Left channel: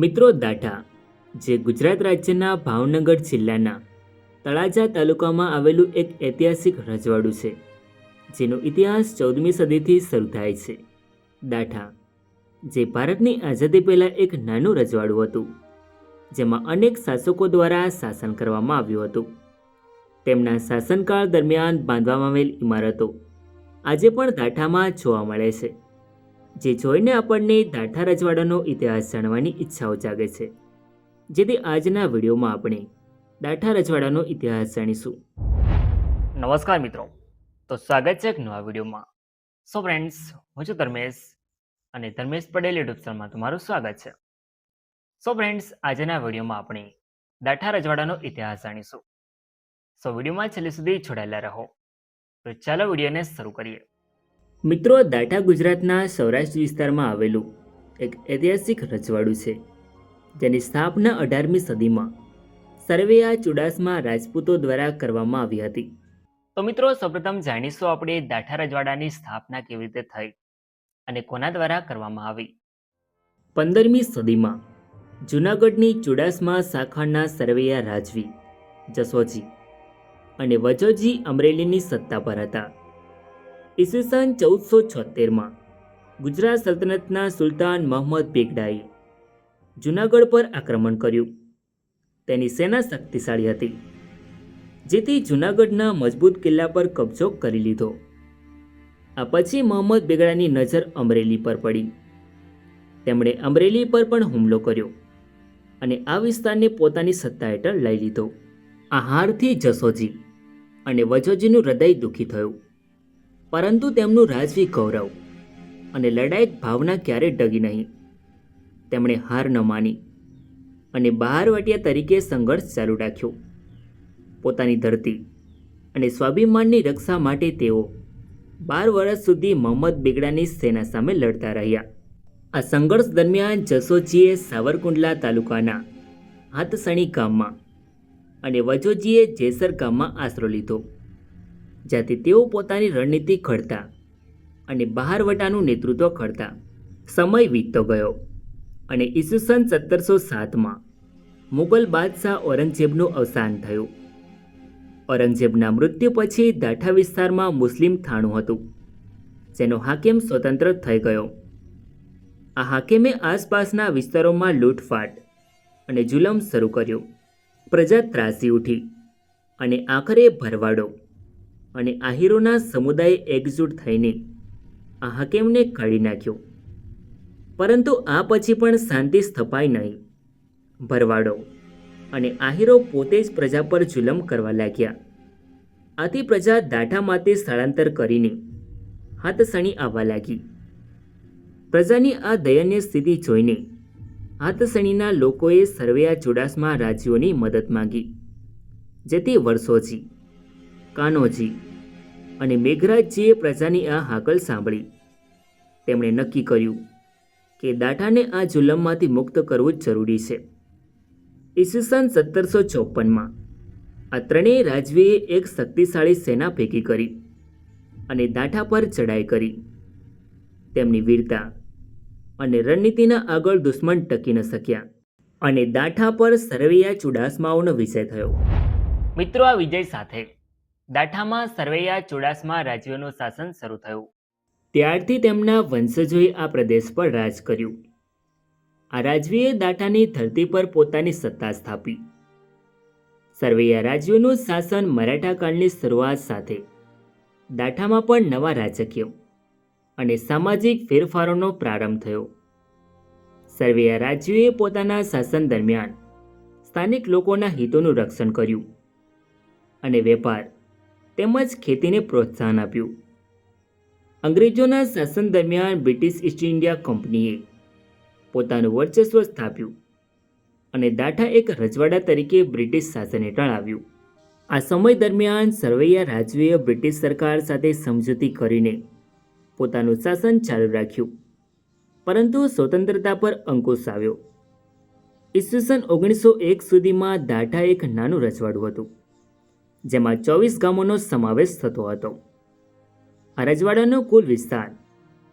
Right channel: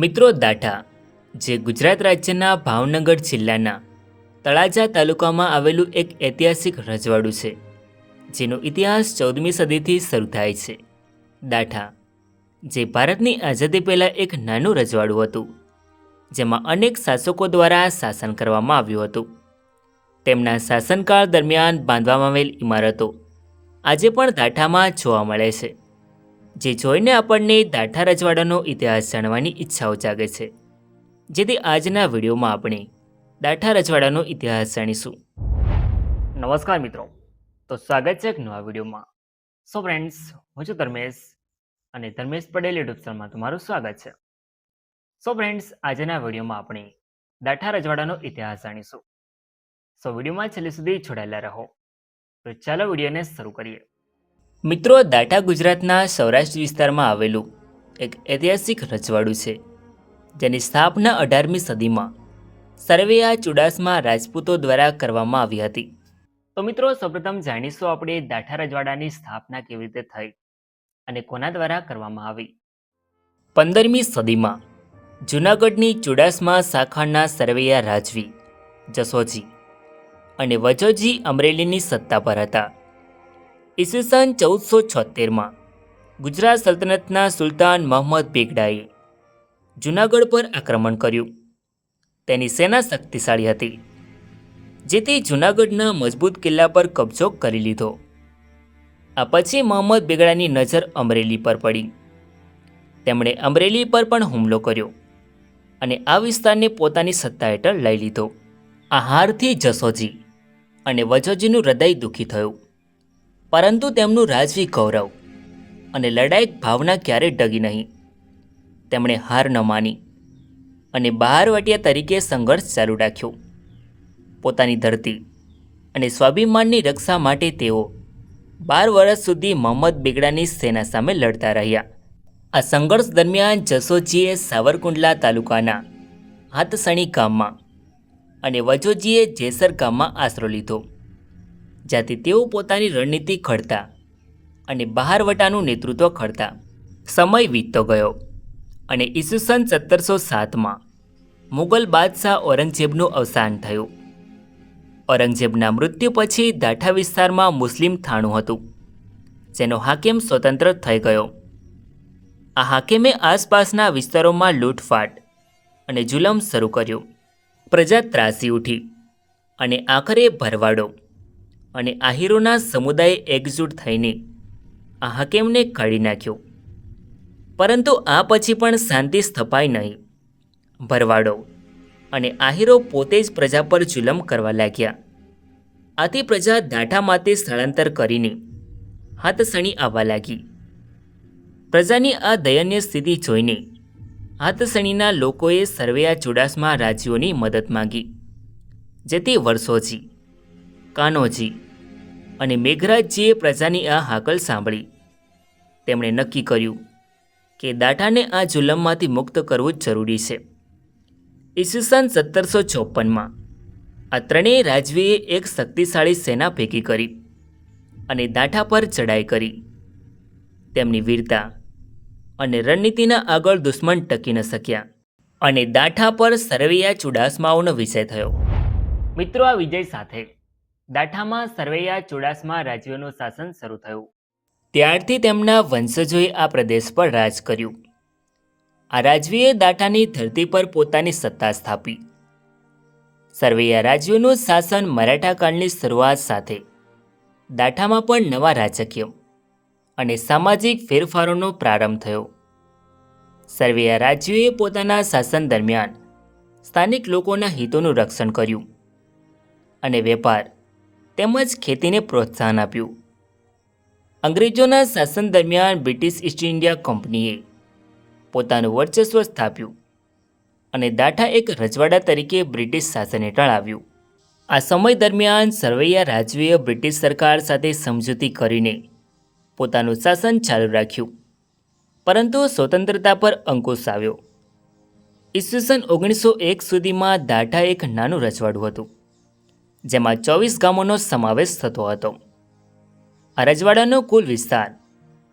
મિત્રો દાઠા જે ગુજરાત રાજ્યના ભાવનગર જિલ્લાના તળાજા તાલુકામાં આવેલું એક ઐતિહાસિક રજવાડું છે, જેનો ઇતિહાસ 14મી સદીથી શરૂ થાય છે. દાઠા જે ભારતની આઝાદી પહેલાં એક નાનું રજવાડું હતું, જેમાં અનેક શાસકો દ્વારા શાસન કરવામાં આવ્યું હતું. તેમના શાસનકાળ દરમિયાન બાંધવામાં આવેલ ઇમારતો આજે પણ દાઠામાં જોવા મળે છે, જે જોઈને આપણને દાઠા રજવાડાનો ઇતિહાસ જાણવાની ઈચ્છાઓ જાગે છે. જેથી આજના વિડીયોમાં આપણે દાઠા રજવાડાનો ઇતિહાસ જાણીશું. નમસ્કાર મિત્રો, તો સ્વાગત છે એક નવા વિડીયોમાં. સો ફ્રેન્ડ્સ, હું છું ધર્મેશ અને ધર્મેશ પટેલ યુટ્યુબ ચેનલમાં તમારું સ્વાગત છે. સો ફ્રેન્ડ્સ, આજના વિડીયોમાં આપણે દાઠા રજવાડાનો ઇતિહાસ જાણીશું. સો વિડીયોમાં છેલ્લે સુધી જોડાયેલા રહો. તો ચાલો વિડીયોને શરૂ કરીએ. મિત્રો, દાઠા ગુજરાતના સૌરાષ્ટ્ર વિસ્તારમાં આવેલું એક ઐતિહાસિક રજવાડું છે, જેની સ્થાપના 18મી સદીમાં સરવૈયા ચુડાસમા રાજપૂતો દ્વારા કરવામાં આવી હતી. તો મિત્રો, સૌપ્રથમ જાણીશું આપણે દાઠા રજવાડાની સ્થાપના કેવી રીતે થઈ અને કોના દ્વારા કરવામાં આવી. 15મી સદીમાં જૂનાગઢની ચુડાસમા શાખાના સરવૈયા રાજવી જસોજી અને વજોજી અમરેલીની સત્તા પર હતા. ઈસવીસન 1476માં ગુજરાત સલ્તનતના સુલતાન મહંમદ બેગડાએ જૂનાગઢ પર આક્રમણ કર્યું. તેની સેના શક્તિશાળી હતી, જેથી જૂનાગઢના મજબૂત કિલ્લા પર કબજો કરી લીધો. આ પછી મહંમદ બેગડાની નજર અમરેલી પર પડી. તેમણે અમરેલી પર પણ હુમલો કર્યો અને આ વિસ્તારને પોતાની સત્તા હેઠળ લઈ લીધો. આ હારથી જસોજી અને વજોજીનું હૃદય દુઃખી થયું, પરંતુ તેમનું રાજવી ગૌરવ અને લડાયક ભાવના ક્યારેય ડગી નહીં. તેમણે હાર ન માની અને બહારવટિયા તરીકે સંઘર્ષ ચાલુ રાખ્યો. પોતાની ધરતી અને સ્વાભિમાનની રક્ષા માટે તેઓ 12 વર્ષ સુધી મહંમદ બેગડાની સેના સામે લડતા રહ્યા. આ સંઘર્ષ દરમિયાન જસોજીએ સાવરકુંડલા તાલુકાના હાથસણી ગામમાં અને વજોજીએ જેસર ગામમાં આશરો લીધો, જ્યાંથી તેઓ પોતાની રણનીતિ ઘડતા અને બહારવટાનું નેતૃત્વ કરતા. સમય વીતતો ગયો અને ઈસવીસન 1707માં મુગલ બાદશાહ ઔરંગઝેબનું અવસાન થયું. ઔરંગઝેબના મૃત્યુ પછી દાઠા વિસ્તારમાં મુસ્લિમ થાણું હતું, જેનો હાકેમ સ્વતંત્ર થઈ ગયો. આ હાકેમે આસપાસના વિસ્તારોમાં લૂંટફાટ અને જુલમ શરૂ કર્યો. પ્રજા ત્રાસી ઉઠી અને આખરે ભરવાડો અને આહીરોના સમુદાયે એકજૂટ થઈને આ હાકેમને કાઢી નાખ્યો. પરંતુ આ પછી પણ શાંતિ સ્થપાઈ નહીં. ભરવાડો અને આહીરો પોતે જ પ્રજા પર જુલમ કરવા લાગ્યા. આથી પ્રજા દાઠામાંથી સ્થળાંતર કરીને હાથસણી આવવા લાગી. પ્રજાની આ દયનીય સ્થિતિ જોઈને હાથસણીના લોકોએ સરવૈયા ચુડાસમા રાજ્યોની મદદ માંગી, જેથી વર્ષોજી, કાનોજી અને મેઘરાજજીએ પ્રજાની આ હાકલ સાંભળી. તેમણે નક્કી કર્યું કે દાઠાને આ જુલમમાંથી મુક્ત કરવું જ જરૂરી છે. ઈસવીસન 1754માં આ ત્રણેય રાજવીએ એક શક્તિશાળી સેના ભેગી કરી અને દાઠા પર ચડાઈ કરી. તેમની વીરતા અને રણનીતિના આગળ દુશ્મન ટકી ન શક્યા અને દાઠા પર સરવૈયા ચુડાસમાઓનો વિજય થયો. મિત્રો, આ વિજય સાથે દાઠામાં સરવૈયા ચુડાસમા રાજવીઓનું શાસન શરૂ થયું. ત્યારથી તેમના વંશજોએ આ પ્રદેશ પર રાજ કર્યું. આ રાજવીએ દાઠાની ધરતી પર પોતાની સત્તા સ્થાપી. સરવૈયા રાજવીઓનું શાસન મરાઠા કાળની શરૂઆત સાથે દાઠામાં પણ નવા રાજકીય અને સામાજિક ફેરફારોનો પ્રારંભ થયો. સરવૈયા રાજવીએ પોતાના શાસન દરમિયાન સ્થાનિક લોકોના હિતોનું રક્ષણ કર્યું અને વેપાર તેમજ ખેતીને પ્રોત્સાહન આપ્યું. અંગ્રેજોના શાસન દરમિયાન બ્રિટિશ ઈસ્ટ ઇન્ડિયા કંપનીએ પોતાનું વર્ચસ્વ સ્થાપ્યું અને દાઠા એક રજવાડા તરીકે બ્રિટિશ શાસન હેઠળ આવ્યું. આ સમય દરમિયાન સરવૈયા રાજવીએ બ્રિટિશ સરકાર સાથે સમજૂતી કરીને પોતાનું શાસન ચાલુ રાખ્યું, પરંતુ સ્વતંત્રતા પર અંકુશ આવ્યો. ઈસવીસન 1901 સુધીમાં દાઠા એક નાનું રજવાડું હતું, જેમાં 24 ગામોનો સમાવેશ થતો હતો. આ રજવાડાનો કુલ વિસ્તાર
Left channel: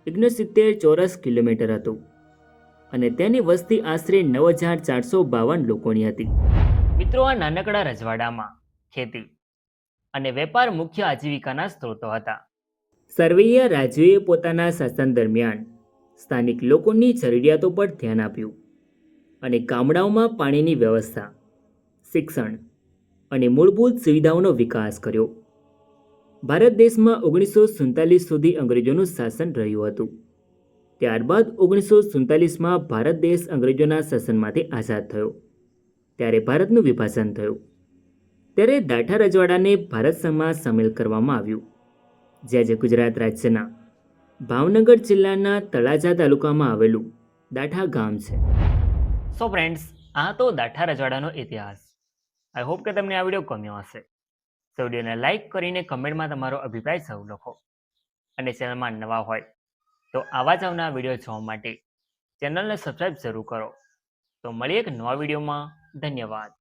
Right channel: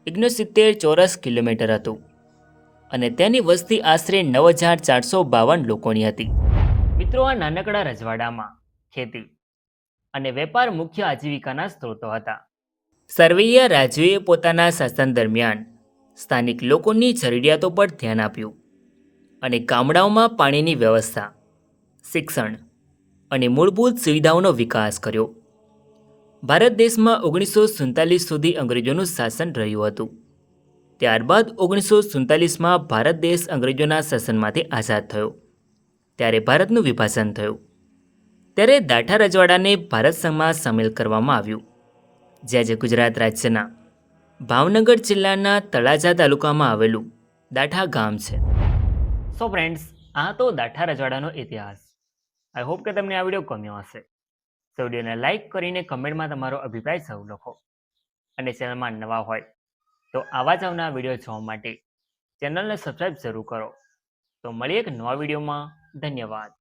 69 ચોરસ કિલોમીટર હતું અને તેની વસ્તી આશરે 9,452 લોકોની હતી. મિત્રો, આ નાનકડા રજવાડામાં ખેતી અને વેપાર મુખ્ય આજીવિકાના સ્ત્રોતો હતા. સરવૈયા રાજવીએ પોતાના શાસન દરમિયાન સ્થાનિક લોકોની જરૂરિયાતો પર ધ્યાન આપ્યું અને ગામડાઓમાં પાણીની વ્યવસ્થા, શિક્ષણ અને મૂળભૂત સુવિધાઓનો વિકાસ કર્યો. ભારત દેશમાં 1947 સુધી અંગ્રેજોનું શાસન રહ્યું હતું. ત્યારબાદ 1947માં ભારત દેશ અંગ્રેજોના શાસનમાંથી આઝાદ થયો. ત્યારે ભારતનું વિભાજન થયું. ત્યારે દાઠા રજવાડાને ભારત સંઘમાં સામેલ કરવામાં આવ્યું, જે આજે ગુજરાત રાજ્યના ભાવનગર જિલ્લાના તળાજા તાલુકામાં આવેલું દાઠા ગામ છે. સો ફ્રેન્ડ્સ, આ તો દાઠા રજવાડાનો ઇતિહાસ. આઈ હોપ કે તમને આ વિડીયો ગમ્યો હશે. તો વિડીયોને લાઇક કરીને કમેન્ટમાં તમારો અભિપ્રાય સૌ લખો. અને ચેનલમાં નવા હોય તો આવા જ આવનારા વિડીયો જોવા માટે ચેનલને સબસ્ક્રાઈબ જરૂર કરો. તો મળીએ એક નવા વિડીયોમાં. ધન્યવાદ.